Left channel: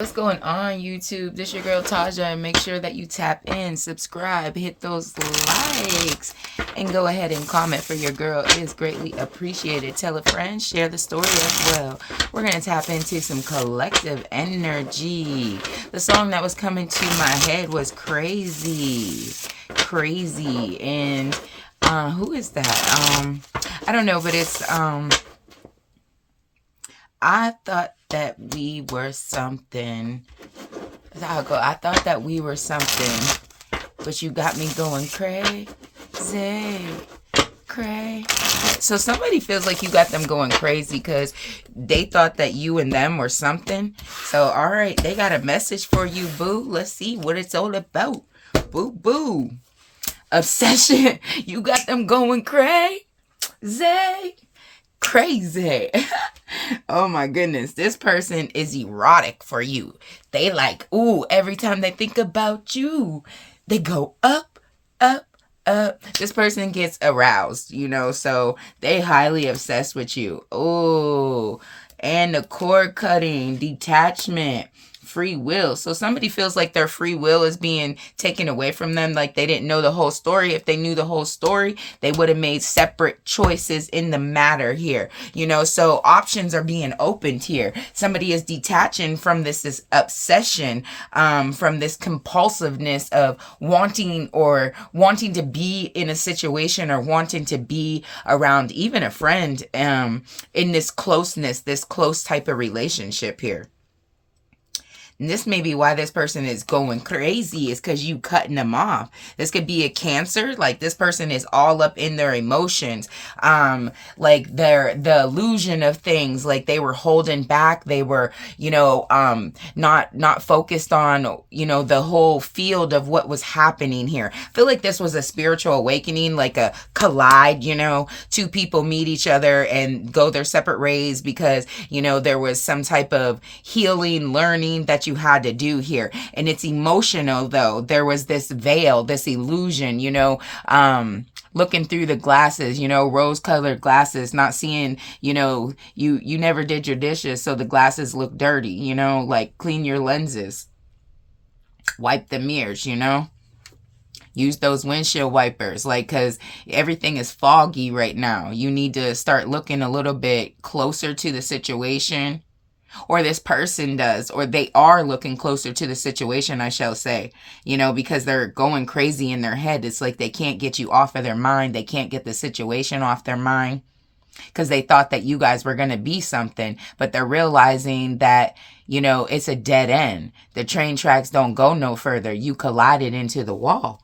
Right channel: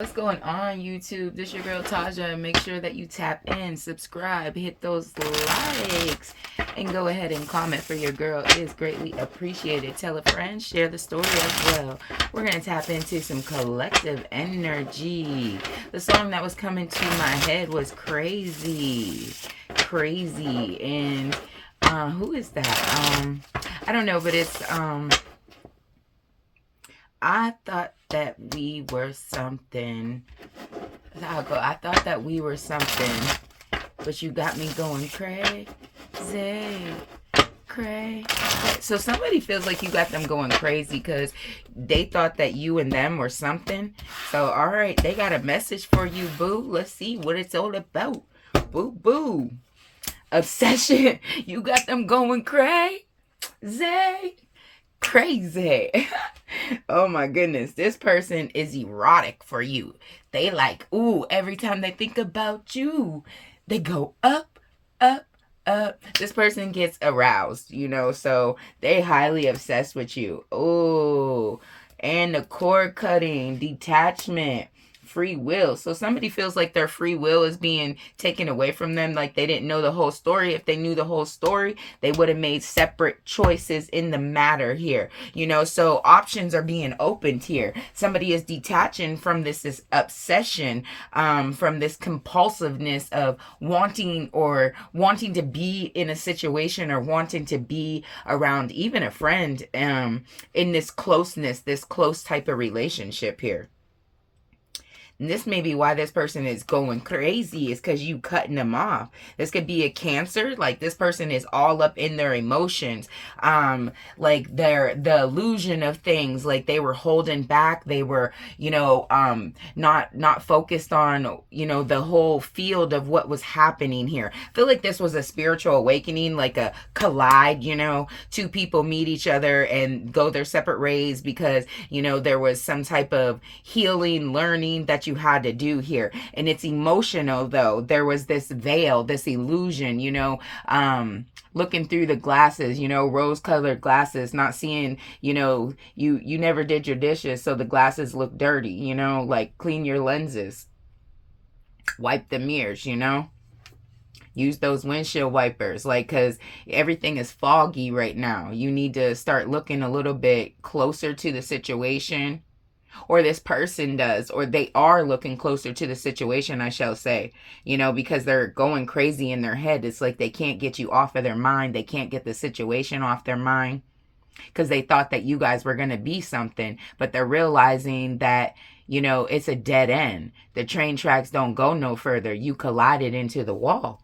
What's going on, YouTube? This your girl Taja, and make sure that you tap in, subscribe, hit those likes, and go ahead and comment for your girl. It is greatly appreciated. Tell a friend, share the story as well. We're going to tap into some collective energy. The song that was coming to my head was Crazy. Crazy. And who is that? I don't know, but it's I thought that we were something. I thought that we were something, but you got me going crazy, crazy. So somebody feels like you got them going crazy because they thought that you and them were something. So all right, they got a message for you, boo. Let's see what it's all about. Boo, boo. Obsession. You got them going crazy. Crazy. Oh my goodness. This person is erotic for you. They like, ooh, every time they think about you, they go up, up, up. This person gets aroused, so they highly obsessed with you. Ooh. And the cord cutting, detachment, free will. So somebody feels like their free will is being taken away from them, like they didn't know the whole story. If they knew the whole story, they would have made separate choices in the matter here. So options are being opened here. Somebody is detaching from this obsession, from this compulsiveness of wanting to be in a situation or wanting to be around even a friend, in this closeness, this close type of relationship here. And this may be why this person is going crazy, is because you cutting them off. This could be a Cancer. Like this person is all up in their emotions. Like the illusion of things, like they were holding back. They were, not focused on, the whole field of what was happening here. I feel like this was a spiritual awakening, like a collide, two people meet each other and go their separate ways because, there was some type of healing, learning that you had to do here. And it's emotional though. There was this veil, this illusion, looking through the glasses, rose-colored glasses, not seeing, you never did your dishes, so the glasses look dirty, like clean your lenses, wipe the mirrors, use those windshield wipers, because everything is foggy right now. You need to start looking a little bit closer to the situation, or this person does, or they are looking closer to the situation, I shall say, because they're going crazy in their head. It's like they can't get you off of their mind. They can't get the situation off their mind because they thought that you guys were going to be something, but they're realizing that, it's a dead end. The train tracks don't go no further. You collided into the wall.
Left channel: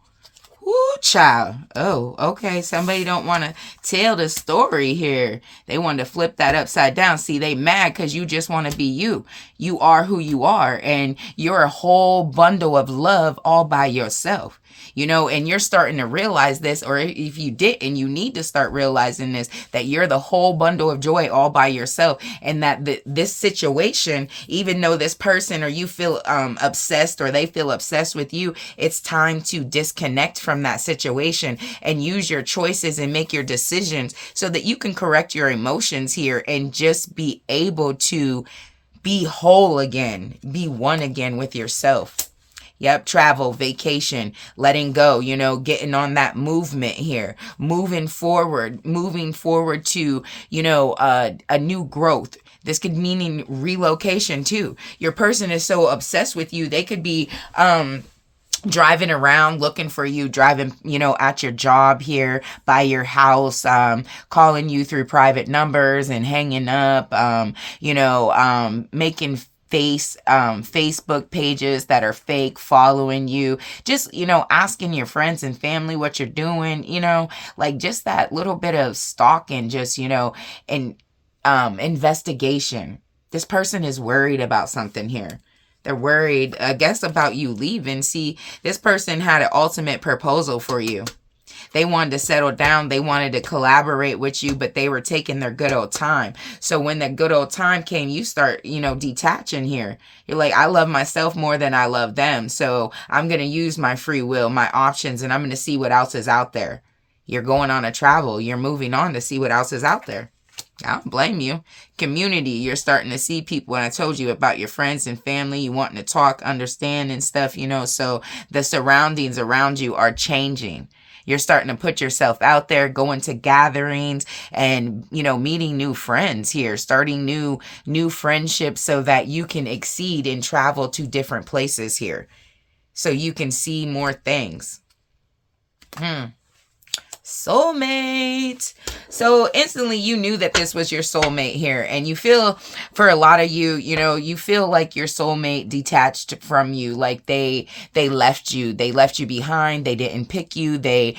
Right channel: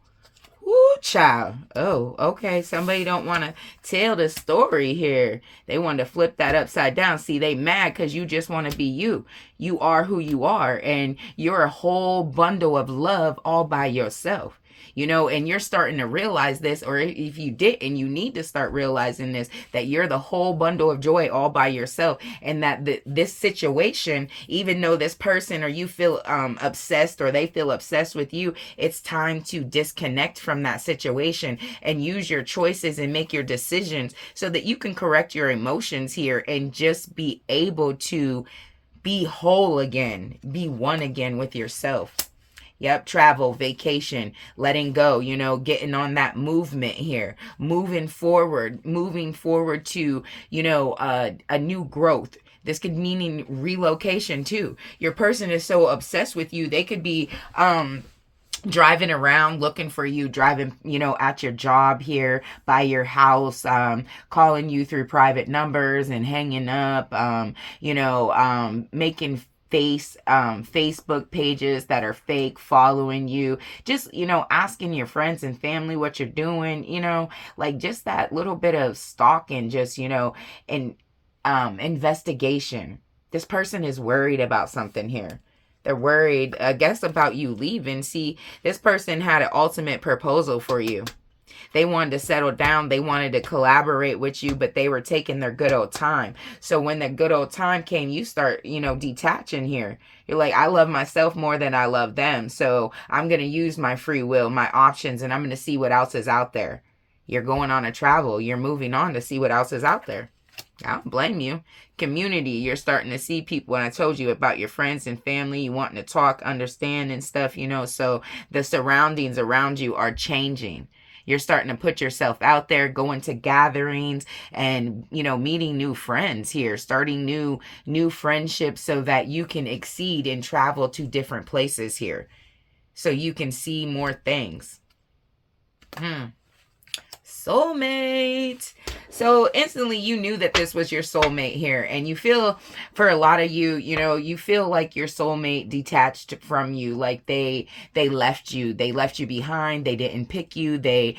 Woo, child. Oh, okay. Somebody don't want to tell the story here. They want to flip that upside down. See, they mad because you just want to be you. You are who you are, and you're a whole bundle of love all by yourself. And you're starting to realize this, or if you didn't, you need to start realizing this, that you're the whole bundle of joy all by yourself. And that this situation, even though this person or you feel obsessed, or they feel obsessed with you, it's time to disconnect from that situation and use your choices and make your decisions so that you can correct your emotions here and just be able to be whole again, be one again with yourself. Yep, travel, vacation, letting go, getting on that movement here, moving forward to, a new growth. This could mean relocation too. Your person is so obsessed with you, they could be driving around looking for you, driving, at your job here, by your house, calling you through private numbers and hanging up, making Facebook pages that are fake, following you, just, asking your friends and family what you're doing, just that little bit of stalking, just, and investigation. This person is worried about something here. They're worried, I guess, about you leaving. See, this person had an ultimate proposal for you. They wanted to settle down. They wanted to collaborate with you, but they were taking their good old time. So when the good old time came, you start, detaching here. You're like, I love myself more than I love them. So I'm going to use my free will, my options, and I'm going to see what else is out there. You're going on a travel. You're moving on to see what else is out there. I don't blame you. Community, you're starting to see people. When I told you about your friends and family, you wanting to talk, understand, and stuff, so the surroundings around you are changing. You're starting to put yourself out there, going to gatherings and, meeting new friends here, starting new friendships so that you can exceed and travel to different places here. So you can see more things. Soulmate. So instantly you knew that this was your soulmate here, and you feel, for a lot of you, you feel like your soulmate detached from you, like they left you behind, they didn't pick you, they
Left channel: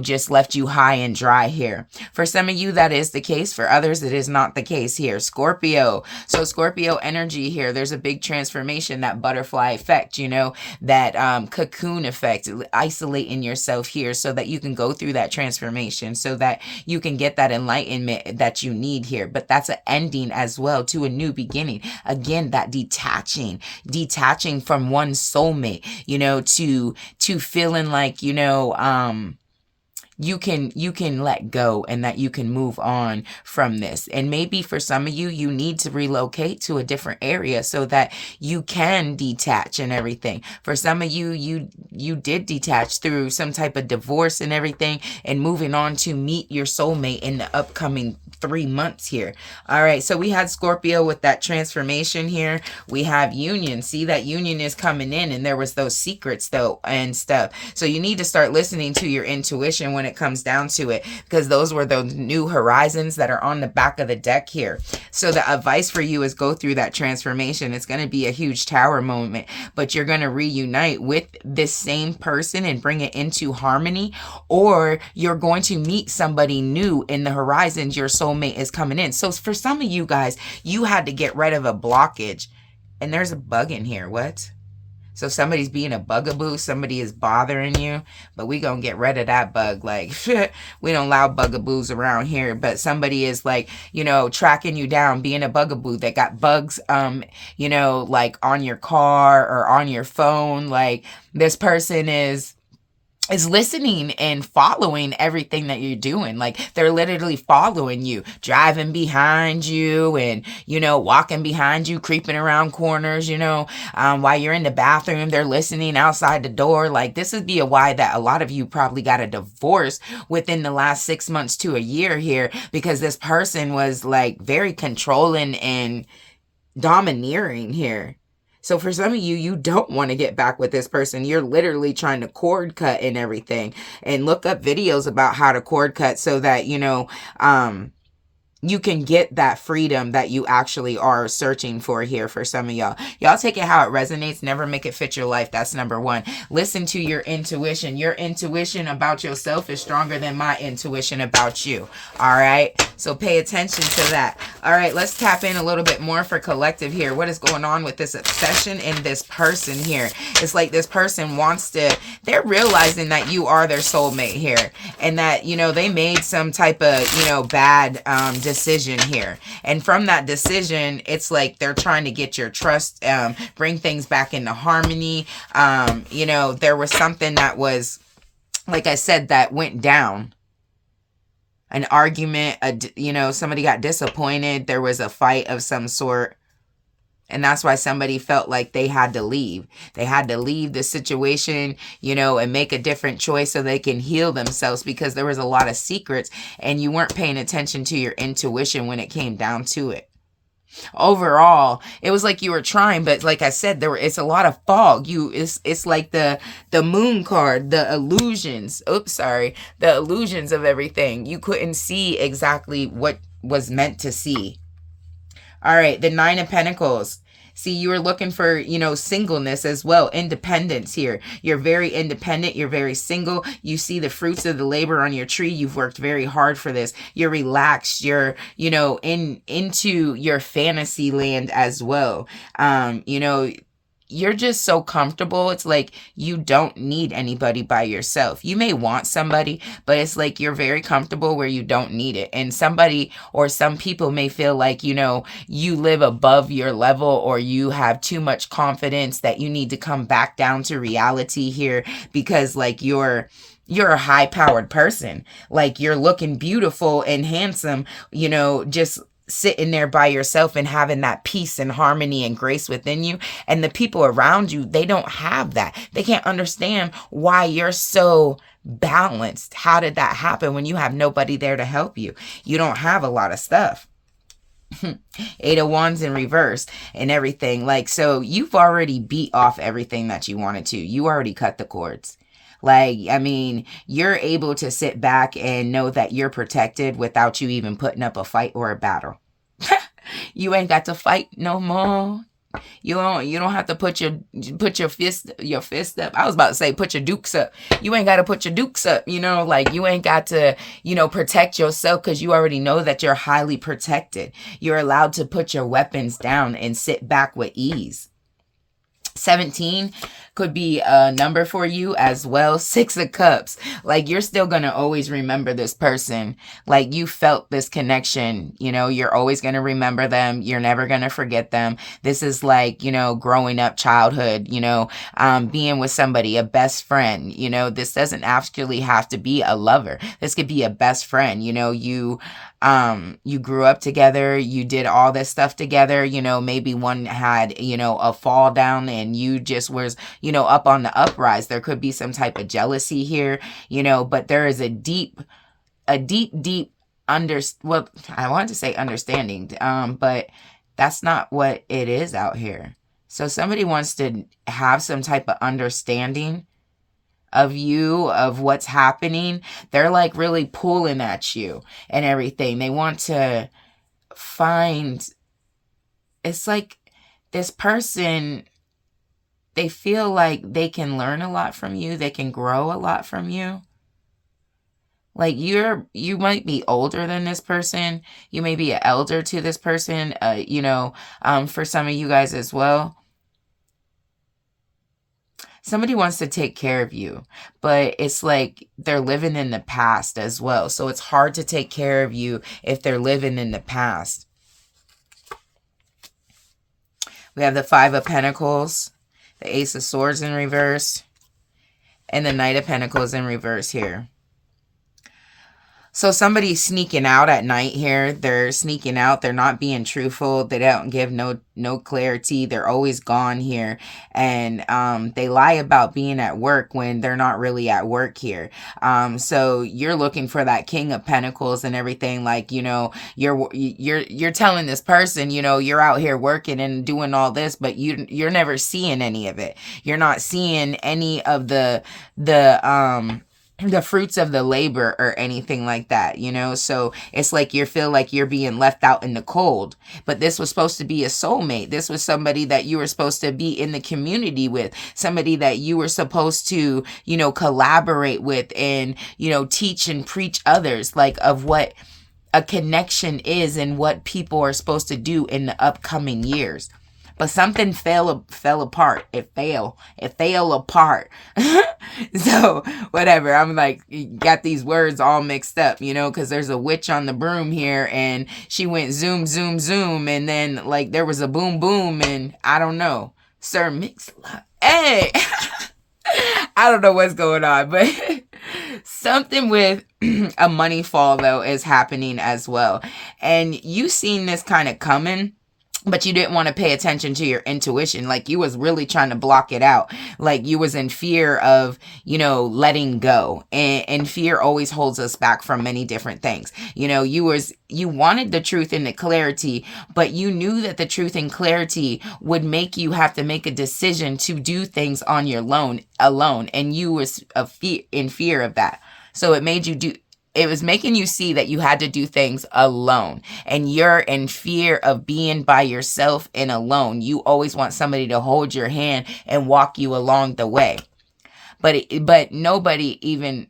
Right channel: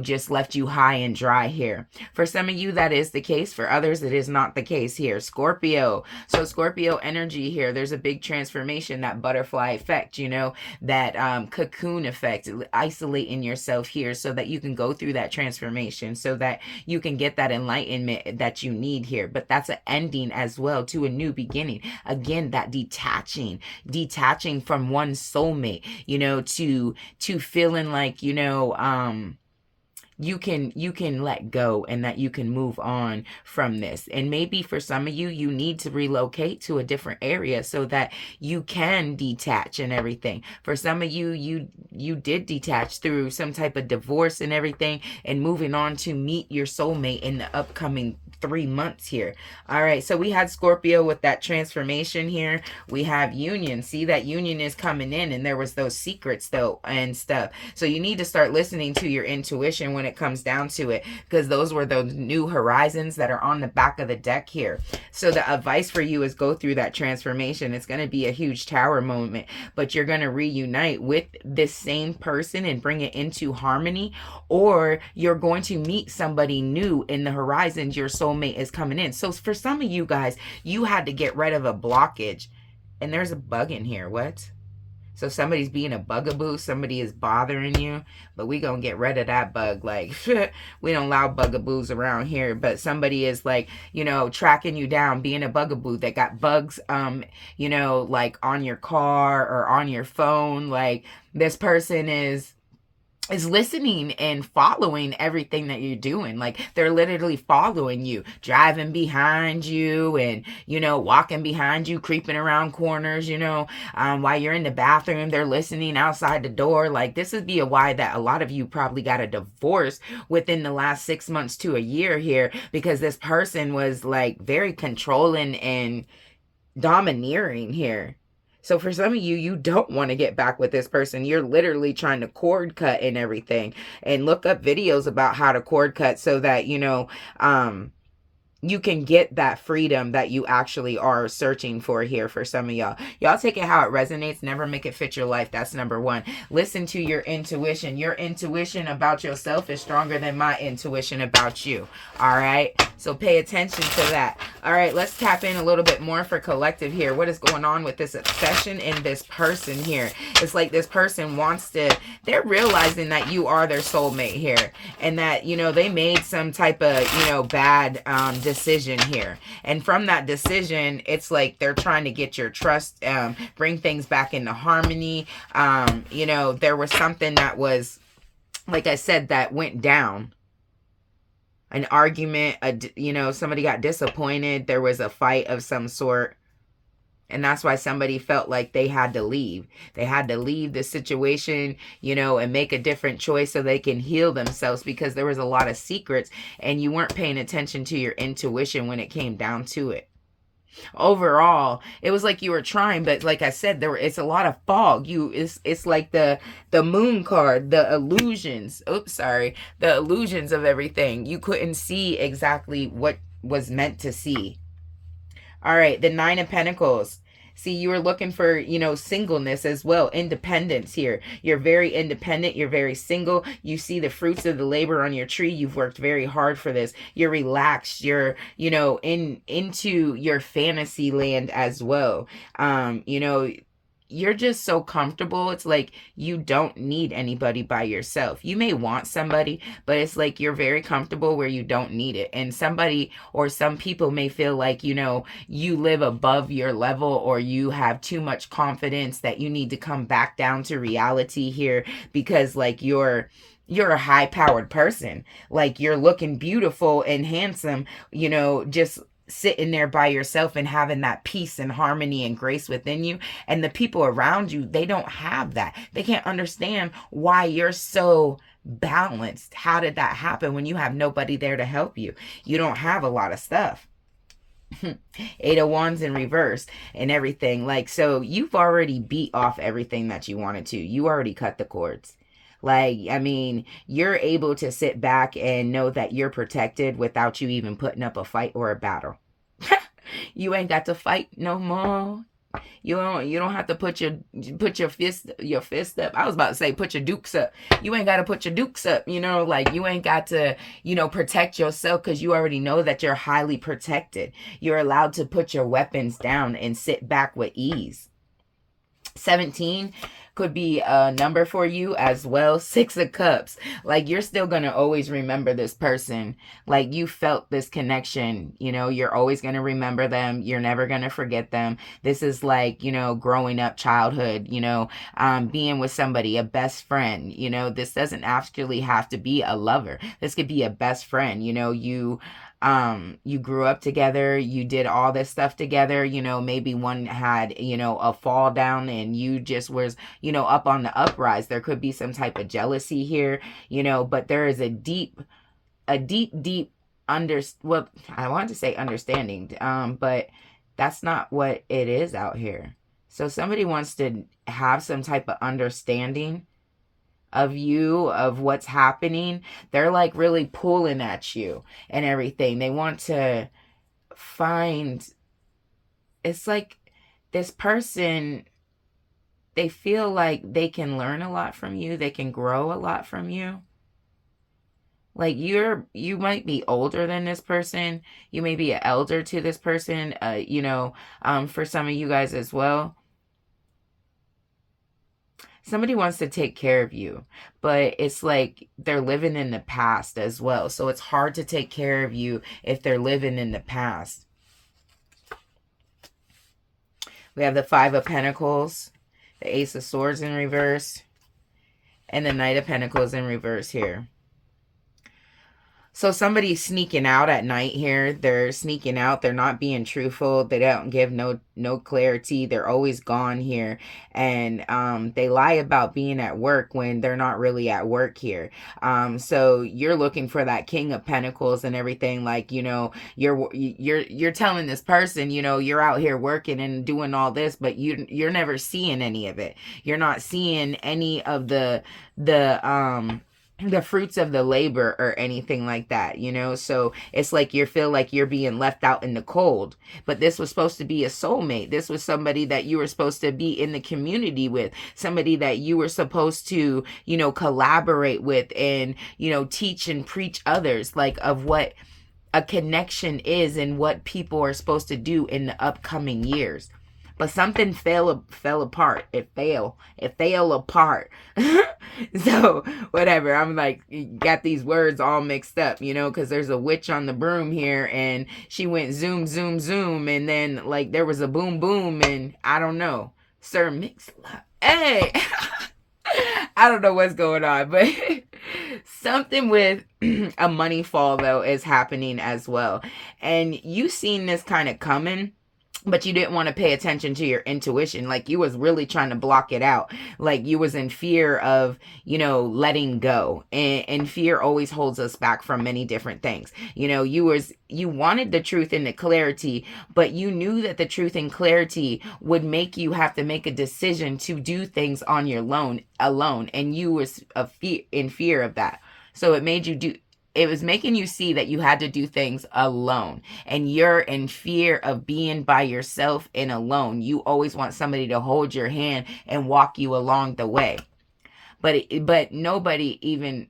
just left you high and dry here. For some of you that is the case, for others it is not the case here. Scorpio. So Scorpio energy here, there's a big transformation, that butterfly effect, that cocoon effect, isolating yourself here so that you can go through that transformation, so that you can get that enlightenment that you need here. But that's an ending as well to a new beginning. Again, that detaching from one soulmate, to feeling like, you can let go, and that you can move on from this. And maybe for some of you, you need to relocate to a different area so that you can detach and everything. For some of you, you did detach through some type of divorce and everything, and moving on to meet your soulmate in the upcoming 3 months here. All right, so we had Scorpio with that transformation here. We have union. See, that union is coming in, and there was those secrets though and stuff. So you need to start listening to your intuition when it comes down to it, because those were those new horizons that are on the back of the deck here. So the advice for you is go through that transformation. It's going to be a huge tower moment, but you're going to reunite with this same person and bring it into harmony, or you're going to meet somebody new in the horizons. Your soulmate is coming in. So for some of you guys, you had to get rid of a blockage, and there's a bug in here. What? So somebody's being a bugaboo, somebody is bothering you, but we gonna get rid of that bug. Like, we don't allow bugaboos around here, but somebody is like, tracking you down, being a bugaboo that got bugs, like on your car or on your phone. Like, this person is listening and following everything that you're doing. Like, they're literally following you, driving behind you, and walking behind you, creeping around corners, while you're in the bathroom. They're listening outside the door. Like, this would be a why that a lot of you probably got a divorce within the last 6 months to a year here, because this person was like very controlling and domineering here. So for some of you, you don't want to get back with this person. You're literally trying to cord cut and everything, and look up videos about how to cord cut so that, you can get that freedom that you actually are searching for here. For some of y'all take it how it resonates. Never make it fit your life. That's number one. Listen to your intuition. Your intuition about yourself is stronger than my intuition about you. All right, so pay attention to that. All right, let's tap in a little bit more for collective here. What is going on with this obsession in this person here? It's like this person they're realizing that you are their soulmate here, and that they made some type of bad decision here, and from that decision, it's like they're trying to get your trust, bring things back into harmony. There was something that was, like I said, that went down, an argument, somebody got disappointed, there was a fight of some sort, and that's why somebody felt like they had to leave. They had to leave the situation, and make a different choice so they can heal themselves, because there was a lot of secrets, and you weren't paying attention to your intuition when it came down to it. Overall, it was like you were trying, but like I said, it's a lot of fog. It's like the moon card, the illusions. The illusions of everything. You couldn't see exactly what was meant to see. All right, the 9 of Pentacles. See, you were looking for, singleness as well, independence here. You're very independent. You're very single. You see the fruits of the labor on your tree. You've worked very hard for this. You're relaxed. You're, into your fantasy land as well. you're just so comfortable. It's like you don't need anybody by yourself. You may want somebody, but it's like you're very comfortable where you don't need it. And somebody or some people may feel like, you live above your level, or you have too much confidence that you need to come back down to reality here, because like you're a high powered person. Like you're looking beautiful and handsome, just sitting there by yourself and having that peace and harmony and grace within you. And the people around you, they don't have that. They can't understand why you're so balanced. How did that happen when you have nobody there to help you? You don't have a lot of stuff. Eight of Wands in reverse and everything. Like, so you've already beat off everything that you wanted to. You already cut the cords. Like, I mean, you're able to sit back and know that you're protected without you even putting up a fight or a battle. You ain't got to fight no more. You don't have to put your fist up. I was about to say put your dukes up. You ain't got to put your dukes up, like you ain't got to, protect yourself, because you already know that you're highly protected. You're allowed to put your weapons down and sit back with ease. 17 could be a number for you as well. 6 of Cups. Like you're still going to always remember this person. Like you felt this connection, you're always going to remember them. You're never going to forget them. This is like, growing up, childhood, being with somebody, a best friend, this doesn't actually have to be a lover. This could be a best friend. You grew up together, you did all this stuff together, maybe one had, a fall down and you just was, up on the uprise. There could be some type of jealousy here, but there is a deep I wanted to say understanding, but that's not what it is out here. So somebody wants to have some type of understanding of you, of what's happening. They're like really pulling at you and everything. They want to find, it's like this person, they feel like they can learn a lot from you. They can grow a lot from you. Like you might be older than this person. You may be an elder to this person, for some of you guys as well. Somebody wants to take care of you, but it's like they're living in the past as well. So it's hard to take care of you if they're living in the past. We have the 5 of Pentacles, the Ace of Swords in reverse, and the Knight of Pentacles in reverse here. So somebody's sneaking out at night here. They're sneaking out. They're not being truthful. They don't give no clarity. They're always gone here. And they lie about being at work when they're not really at work here. So you're looking for that King of Pentacles and everything. Like, you're telling this person, you're out here working and doing all this, but you're never seeing any of it. You're not seeing any of the fruits of the labor or anything like that, so it's like you feel like you're being left out in the cold. But this was supposed to be a soulmate. This was somebody that you were supposed to be in the community with, somebody that you were supposed to, collaborate with and, teach and preach others like of what a connection is and what people are supposed to do in the upcoming years. But something fell apart. It fell apart. So whatever. I'm like, got these words all mixed up, because there's a witch on the broom here and she went zoom, zoom, zoom. And then like there was a boom, boom. And I don't know. Sir Mix-a-Lot. Hey, I don't know what's going on, but something with a money fall though is happening as well. And you seen this kind of coming, but you didn't want to pay attention to your intuition. Like you was really trying to block it out. Like you was in fear of, letting go. And fear always holds us back from many different things. You wanted the truth and the clarity, but you knew that the truth and clarity would make you have to make a decision to do things on your own alone. And you was in fear of that. So it was making you see that you had to do things alone, and you're in fear of being by yourself and alone. You always want somebody to hold your hand and walk you along the way. But nobody even,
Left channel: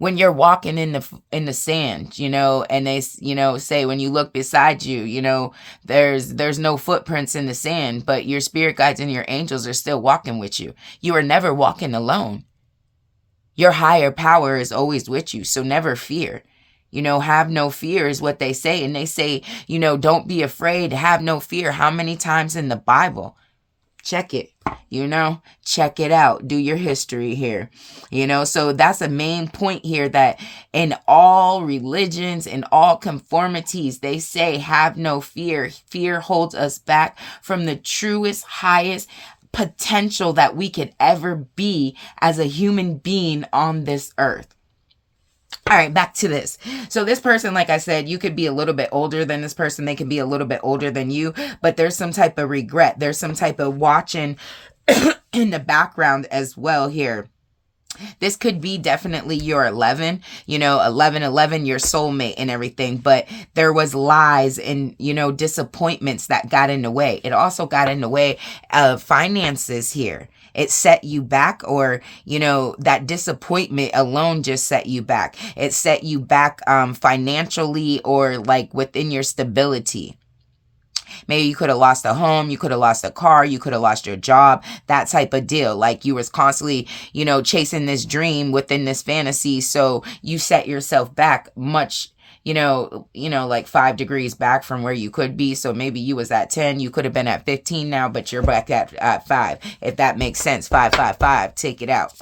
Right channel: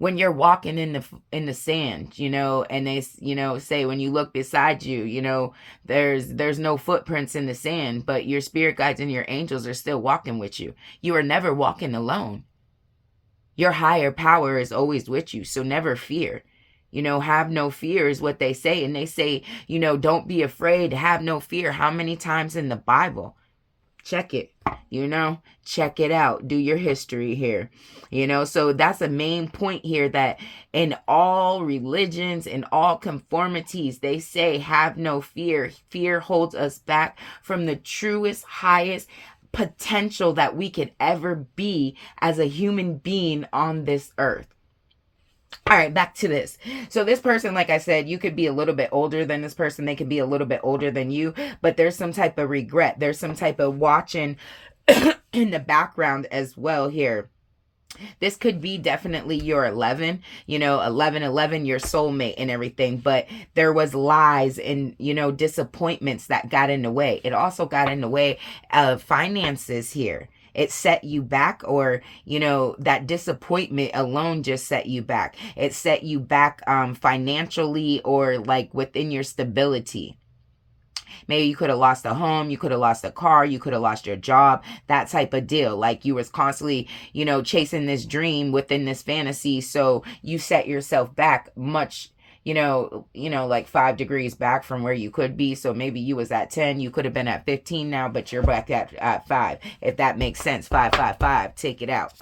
when you're walking in the sand, and they, say when you look beside you, there's no footprints in the sand, but your spirit guides and your angels are still walking with you. You are never walking alone. Your higher power is always with you, so never fear. Have no fear is what they say. And they say, don't be afraid, have no fear. How many times in the Bible? Check it, check it out. Do your history here, so that's a main point here, that in all religions, in all conformities, they say, have no fear. Fear holds us back from the truest, highest potential that we could ever be as a human being on this earth. All right, back to this. So this person, like I said, you could be a little bit older than this person. They could be a little bit older than you, but there's some type of regret. There's some type of watching in the background as well here. This could be definitely your 11, 11, your soulmate and everything, but there was lies and, disappointments that got in the way. It also got in the way of finances here. It set you back, or, that disappointment alone just set you back. It set you back financially, or like within your stability. Maybe you could have lost a home, you could have lost a car, you could have lost your job, that type of deal. Like you was constantly, chasing this dream within this fantasy. So you set yourself back much, like 5 degrees back from where you could be. So maybe you was at 10, you could have been at 15 now, but you're back at 5. If that makes sense, 5, 5, 5, take it out.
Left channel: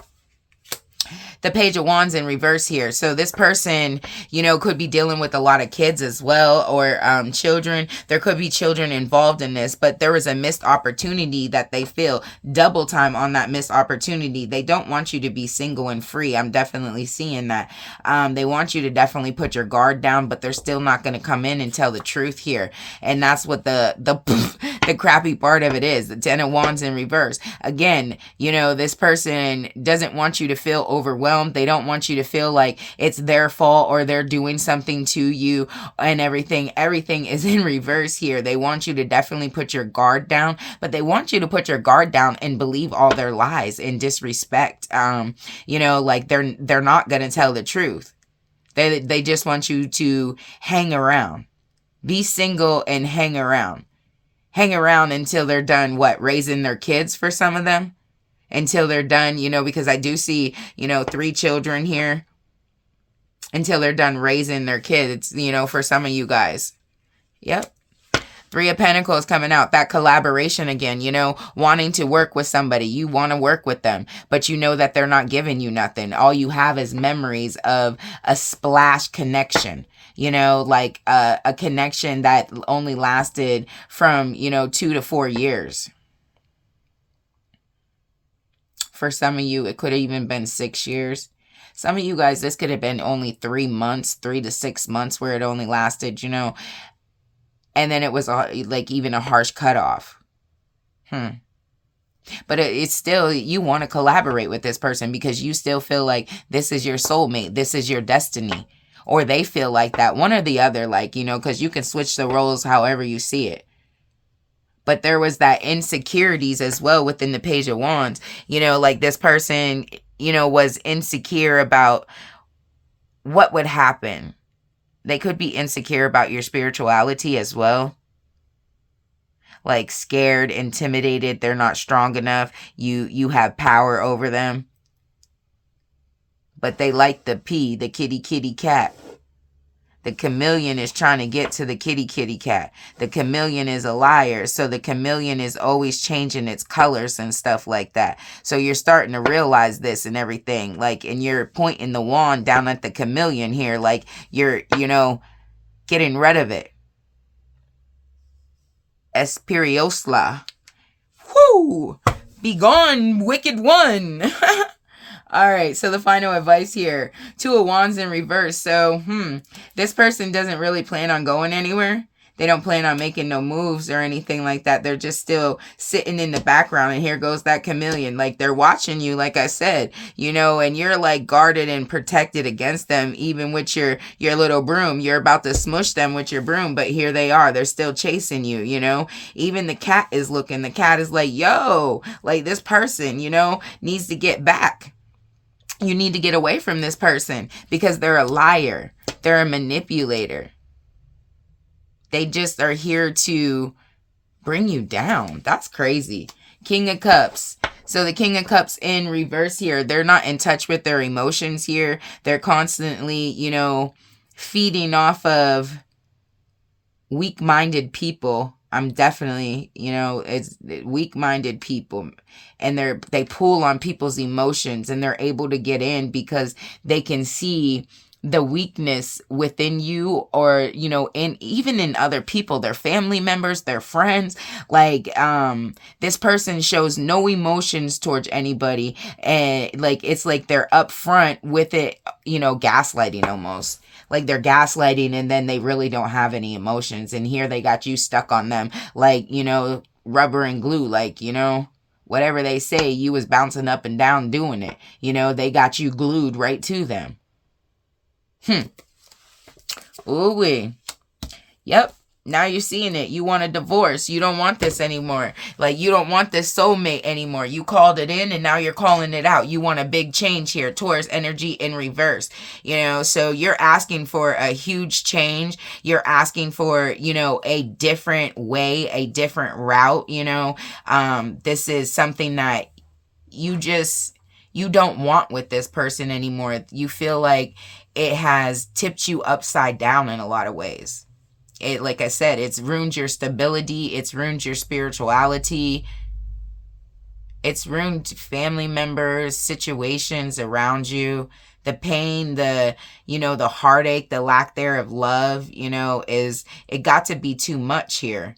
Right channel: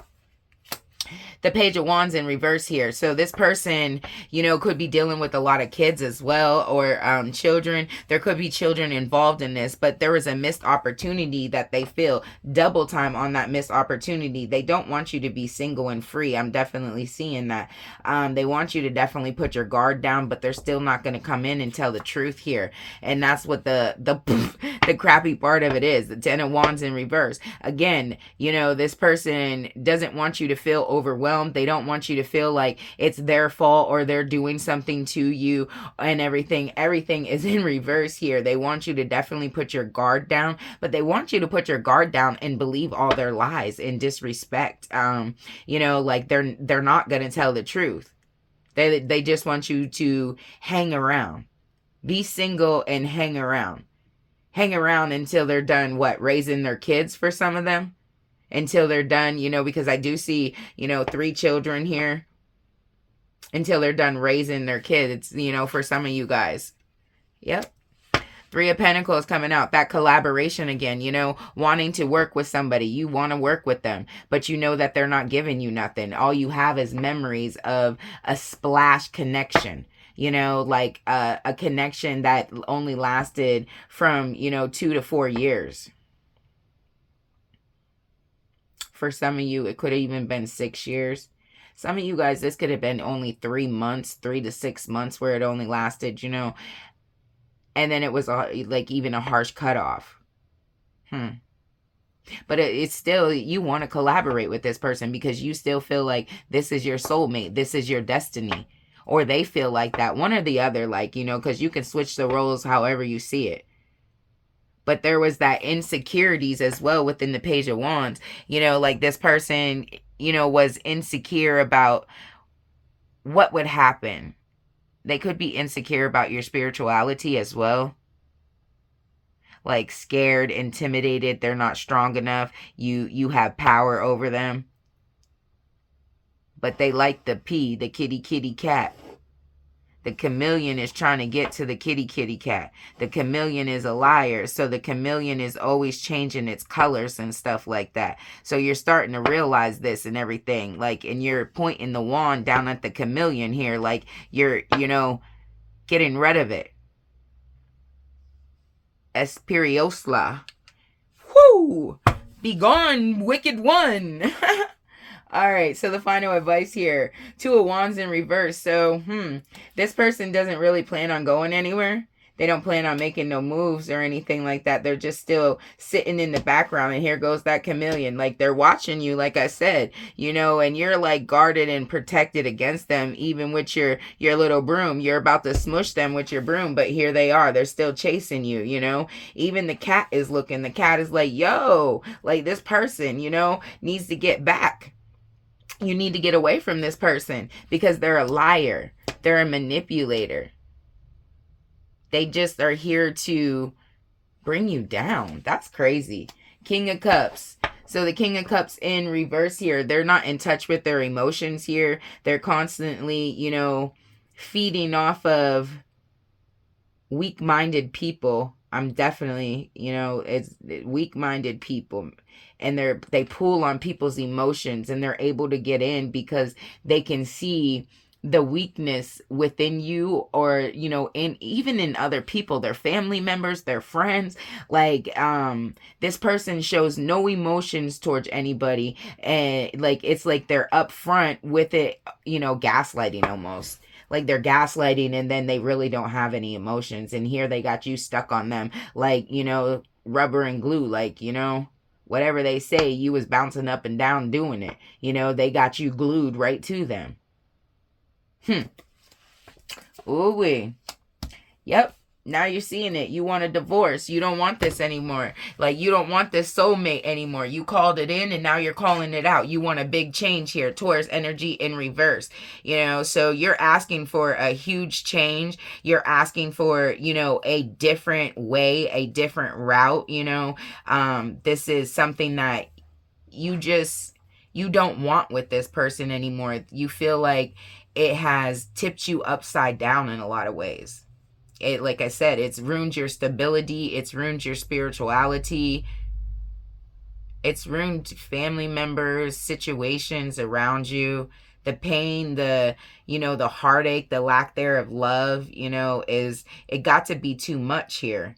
The Page of Wands in reverse here. So this person, could be dealing with a lot of kids as well, or children. There could be children involved in this, but there was a missed opportunity that they feel. Double time on that missed opportunity. They don't want you to be single and free. I'm definitely seeing that. They want you to definitely put your guard down, but they're still not going to come in and tell the truth here. And that's what the crappy part of it is. The Ten of Wands in reverse. Again, this person doesn't want you to feel overwhelmed. They don't want you to feel like it's their fault or they're doing something to you and everything. Everything is in reverse here. They want you to definitely put your guard down, but they want you to put your guard down and believe all their lies and disrespect. Like they're not going to tell the truth. They just want you to hang around. Be single and hang around. Hang around until they're done, raising their kids for some of them? Until they're done, because I do see, 3 children here. Until they're done raising their kids, for some of you guys. Yep. 3 of Pentacles coming out. That collaboration again, wanting to work with somebody. You want to work with them, but you know that they're not giving you nothing. All you have is memories of a splash connection. Like a connection that only lasted from, 2 to 4 years. For some of you, it could have even been 6 years. Some of you guys, this could have been only 3 months, 3 to 6 months where it only lasted, and then it was like even a harsh cutoff. But it's still, you want to collaborate with this person because you still feel like this is your soulmate. This is your destiny. Or they feel like that. One or the other, because you can switch the roles however you see it. But there was that insecurities as well within the Page of Wands. Like this person, was insecure about what would happen. They could be insecure about your spirituality as well. Like scared, intimidated, they're not strong enough. You have power over them. But they like the kitty cat. The chameleon is trying to get to the kitty cat. The chameleon is a liar. So the chameleon is always changing its colors and stuff like that. So you're starting to realize this and everything. And you're pointing the wand down at the chameleon here. Like you're, getting rid of it. Espiriosla. Whoo! Be gone, wicked one. All right, so the final advice here. 2 of Wands in reverse. So, this person doesn't really plan on going anywhere. They don't plan on making no moves or anything like that. They're just still sitting in the background. And here goes that chameleon. Like they're watching you, like I said, and you're like guarded and protected against them, even with your little broom. You're about to smush them with your broom, but here they are. They're still chasing you, Even the cat is looking. The cat is like, yo, like this person, needs to get back. You need to get away from this person because they're a liar. They're a manipulator. They just are here to bring you down. That's crazy. King of Cups. So the King of Cups in reverse here, they're not in touch with their emotions here. They're constantly, feeding off of weak-minded people. I'm definitely, it's weak-minded people, and they pull on people's emotions, and they're able to get in because they can see the weakness within you, or even in other people, their family members, their friends. Like this person shows no emotions towards anybody, and like it's like they're upfront with it, gaslighting almost. Like they're gaslighting, and then they really don't have any emotions, and here they got you stuck on them like rubber and glue. Like whatever they say, you was bouncing up and down doing it. They got you glued right to them. Ooh-wee. Yep. Now you're seeing it. You want a divorce. You don't want this anymore. Like, you don't want this soulmate anymore. You called it in, and now you're calling it out. You want a big change here. Taurus energy in reverse. So you're asking for a huge change. You're asking for, a different way, a different route. This is something that you don't want with this person anymore. You feel like it has tipped you upside down in a lot of ways. It, like I said, it's ruined your stability. It's ruined your spirituality. It's ruined family members, situations around you. The pain, the heartache, the lack there of love, it got to be too much here.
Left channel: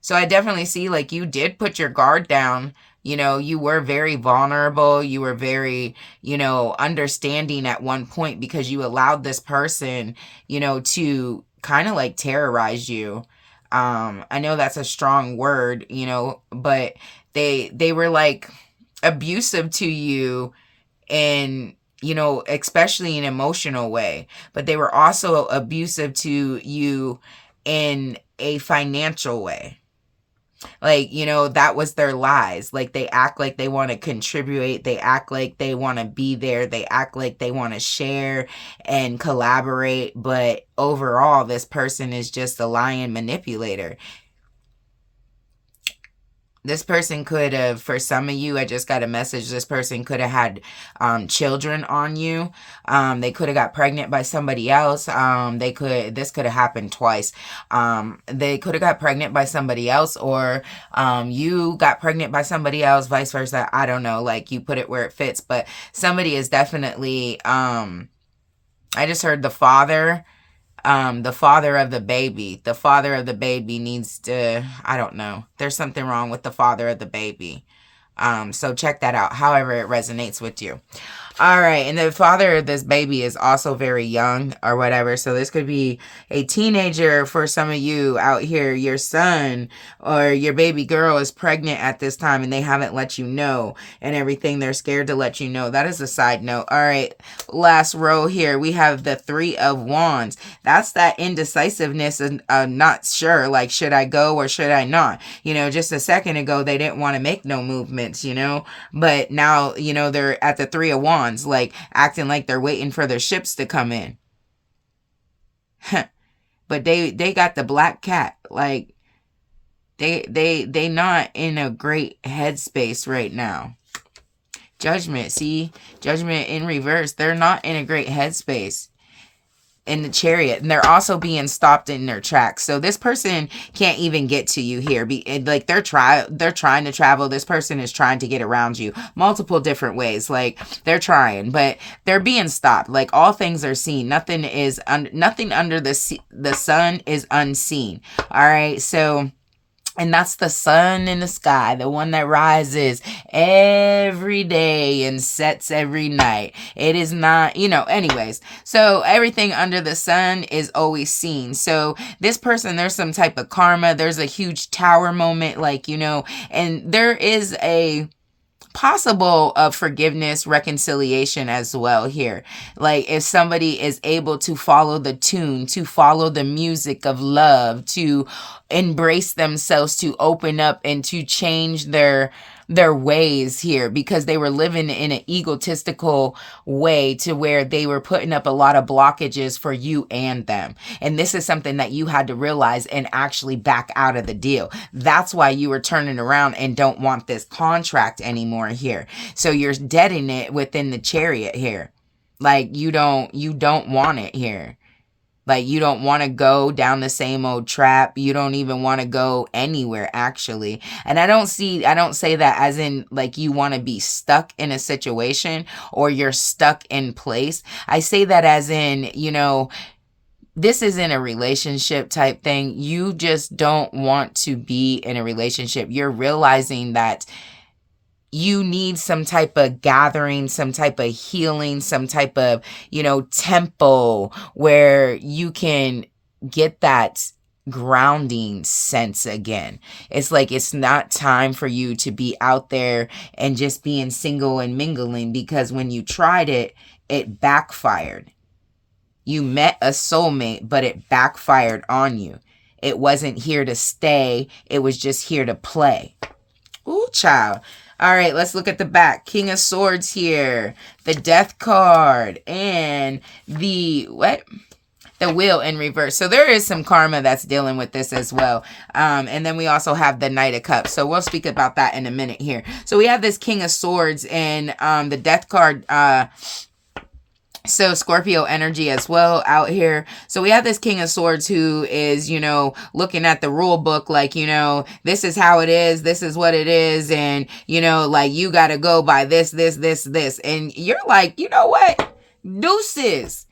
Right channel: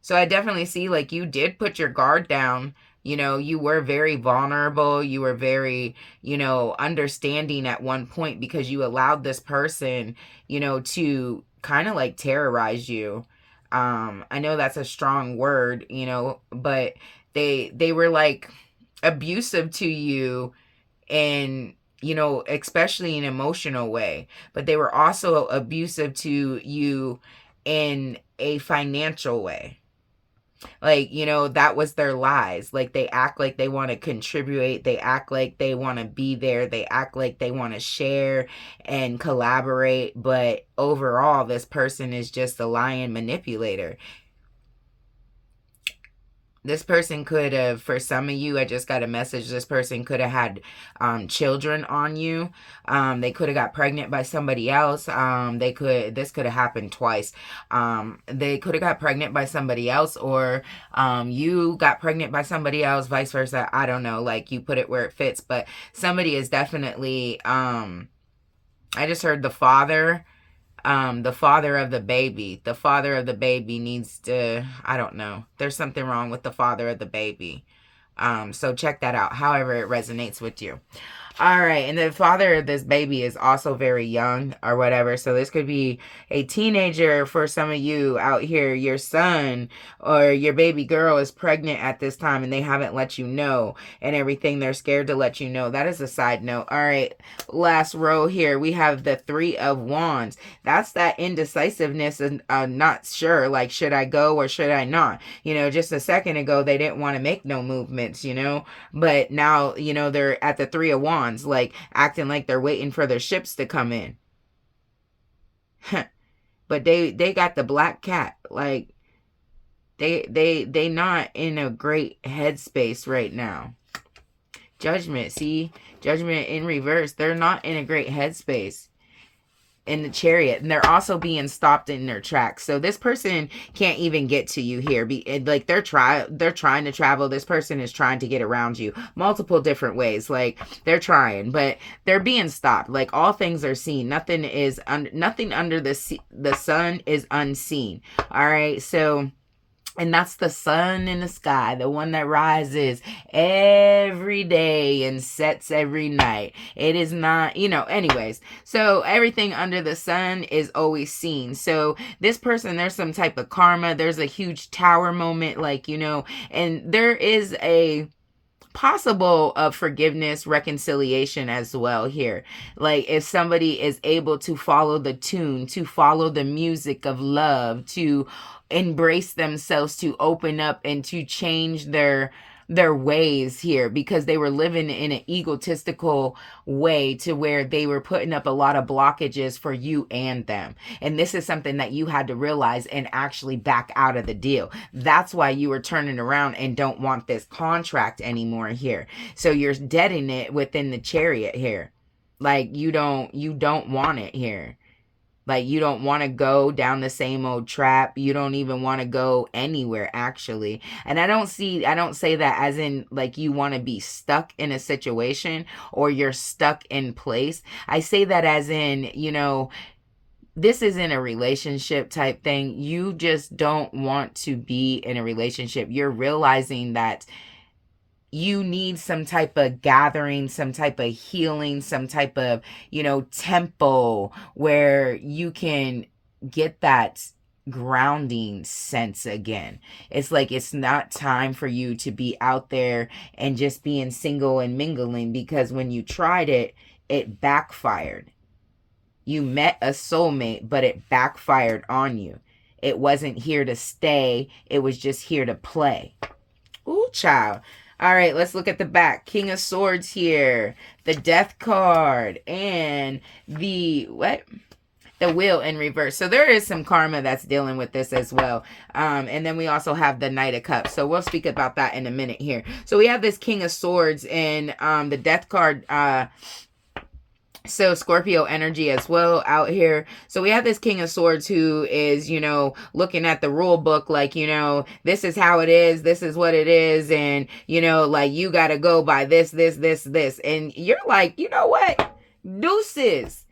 So I definitely see, like, you did put your guard down. You were very vulnerable. You were very, understanding at one point, because you allowed this person, to kind of like terrorize you. I know that's a strong word, but they were like abusive to you in, especially in an emotional way, but they were also abusive to you in a financial way. Like, that was their lies. Like, they act like they want to contribute. They act like they want to be there. They act like they want to share and collaborate. But overall, this person is just a lying manipulator. This person could have, for some of you, I just got a message, this person could have had children on you. They could have got pregnant by somebody else. This could have happened twice. They could have got pregnant by somebody else, or you got pregnant by somebody else, vice versa. I don't know, like, you put it where it fits. But somebody is definitely, I just heard the father of the baby. The father of the baby needs to, I don't know. There's something wrong with the father of the baby. So check that out, however it resonates with you. All right. And the father of this baby is also very young or whatever. So this could be a teenager for some of you out here. Your son or your baby girl is pregnant at this time, and they haven't let you know and everything. They're scared to let you know. That is a side note. All right. Last row here, we have the 3 of Wands. That's that indecisiveness and not sure, like, should I go or should I not? Just a second ago, they didn't want to make no movements, but now, they're at the 3 of Wands. Like, acting like they're waiting for their ships to come in. But they got the black cat. Like, they not in a great headspace right now. Judgment, see? Judgment in reverse. They're not in a great headspace. In the Chariot, and they're also being stopped in their tracks. So this person can't even get to you here. Like, they're trying to travel. This person is trying to get around you multiple different ways. Like, they're trying, but they're being stopped. Like, all things are seen. Nothing under the sun is unseen. All right, so. And that's the sun in the sky, the one that rises every day and sets every night. It is not, anyways. So everything under the sun is always seen. So this person, there's some type of karma. There's a huge tower moment, like, and there is a possible of forgiveness, reconciliation as well here. Like, if somebody is able to follow the tune, to follow the music of love, to embrace themselves, to open up and to change their their ways here, because they were living in an egotistical way to where they were putting up a lot of blockages for you and them. And this is something that you had to realize and actually back out of the deal. That's why you were turning around and don't want this contract anymore here. So you're deading it within the Chariot here. Like you don't want it here. Like you don't want to go down the same old trap. You don't even want to go anywhere, actually. And I don't say that as in like you want to be stuck in a situation or you're stuck in place. I say that as in, this isn't a relationship type thing. You just don't want to be in a relationship. You're realizing that you need some type of gathering, some type of healing, some type of, temple where you can get that grounding sense again. It's like it's not time for you to be out there and just being single and mingling, because when you tried it, it backfired. You met a soulmate, but it backfired on you. It wasn't here to stay. It was just here to play. Ooh, child. All right, let's look at the back. King of Swords here, the Death card, and the Wheel in reverse. So there is some karma that's dealing with this as well. And then we also have the Knight of Cups. So we'll speak about that in a minute here. So we have this King of Swords and the Death card. So Scorpio energy as well out here. So we have this King of Swords who is, looking at the rule book like, this is how it is. This is what it is. And, like you got to go by this. And you're like, you know what? Deuces.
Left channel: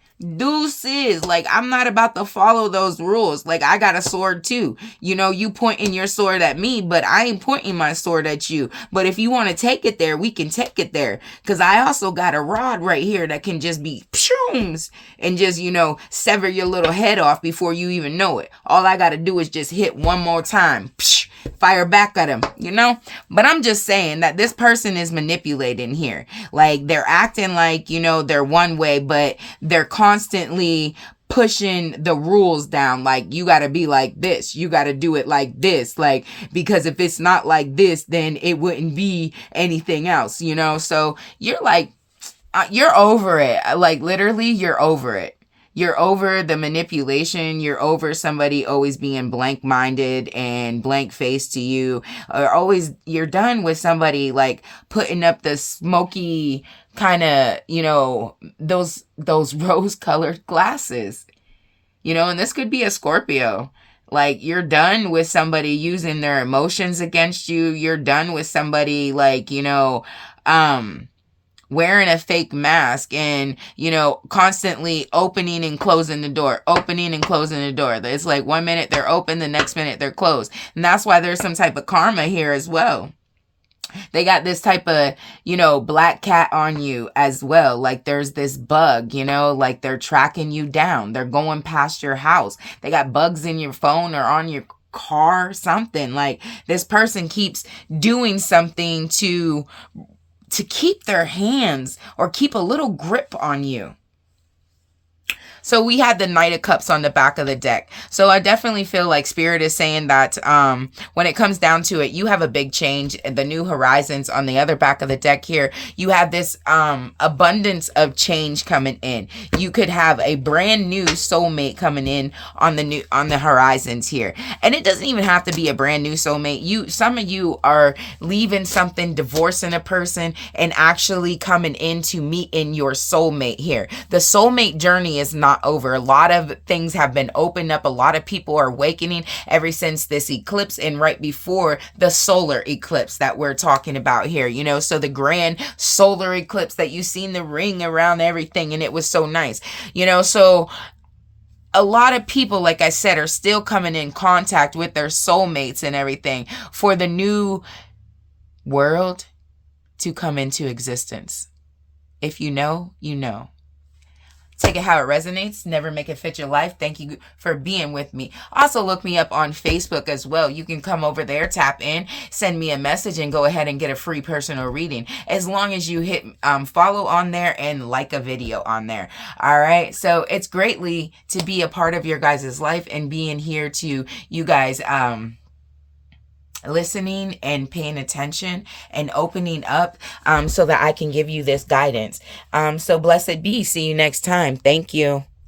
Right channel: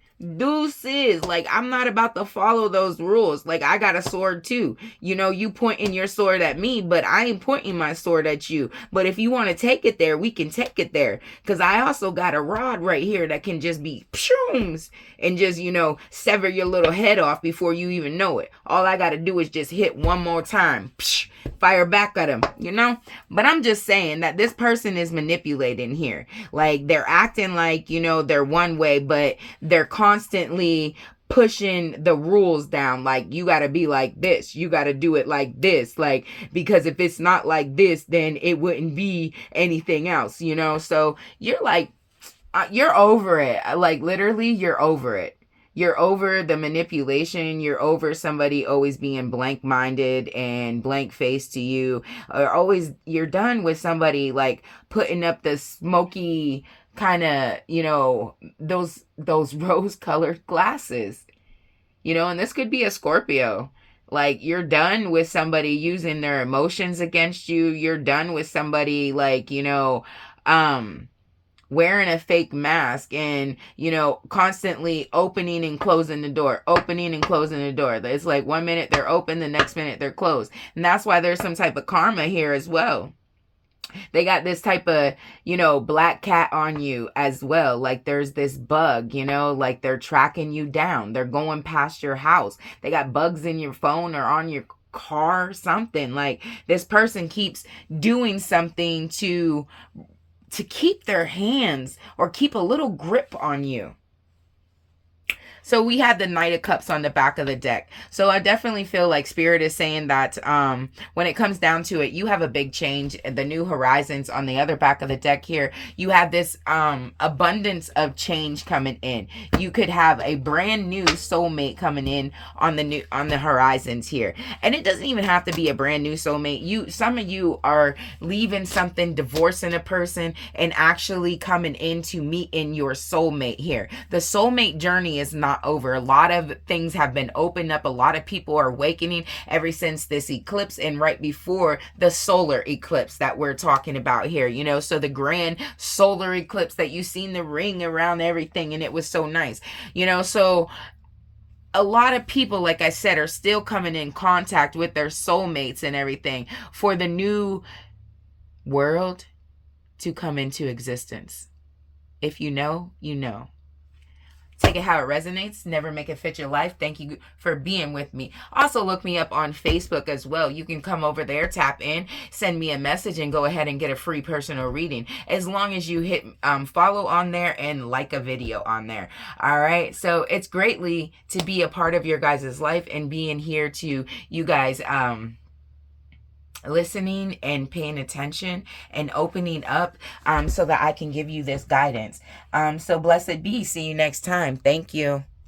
Like, I'm not about to follow those rules. Like, I got a sword too. You pointing your sword at me, but I ain't pointing my sword at you. But if you want to take it there, we can take it there. Because I also got a rod right here that can just be pshooms and just, sever your little head off before you even know it. All I got to do is just hit one more time. Psh, fire back at him, But I'm just saying that this person is manipulating here. Like, they're acting like, they're one way, but they're constantly pushing the rules down. Like, you got to be like this. You got to do it like this. Like, because if it's not like this, then it wouldn't be anything else, So you're like, you're over it. Like, literally, you're over it. You're over the manipulation. You're over somebody always being blank-minded and blank-faced to you. Or you're done with somebody like putting up the smoky kind of, those rose-colored glasses. And this could be a Scorpio. Like, you're done with somebody using their emotions against you. You're done with somebody like, wearing a fake mask and, constantly opening and closing the door. It's like 1 minute they're open, the next minute they're closed. And that's why there's some type of karma here as well. They got this type of, black cat on you as well. Like, there's this bug, like they're tracking you down. They're going past your house. They got bugs in your phone or on your car, something. Like, this person keeps doing something to keep their hands or keep a little grip on you. So we had the Knight of Cups on the back of the deck. So I definitely feel like Spirit is saying that when it comes down to it, you have a big change. The New Horizons on the other back of the deck here, you have this abundance of change coming in. You could have a brand new soulmate coming in on the horizons here. And it doesn't even have to be a brand new soulmate. Some of you are leaving something, divorcing a person, and actually coming in to meet in your soulmate here. The soulmate journey is not over. A lot of things have been opened up. A lot of people are awakening ever since this eclipse and right before the solar eclipse that we're talking about here, so the grand solar eclipse that you seen the ring around everything and it was so nice, so a lot of people, like I said, are still coming in contact with their soulmates and everything for the new world to come into existence. If you know, you know. Take it how it resonates. Never make it fit your life. Thank you for being with me. Also, look me up on Facebook as well. You can come over there, tap in, send me a message, and go ahead and get a free personal reading. As long as you hit follow on there and like a video on there. All right. So it's greatly to be a part of your guys' life and being here to you guys listening and paying attention and opening up, so that I can give you this guidance. So blessed be. See you next time. Thank you.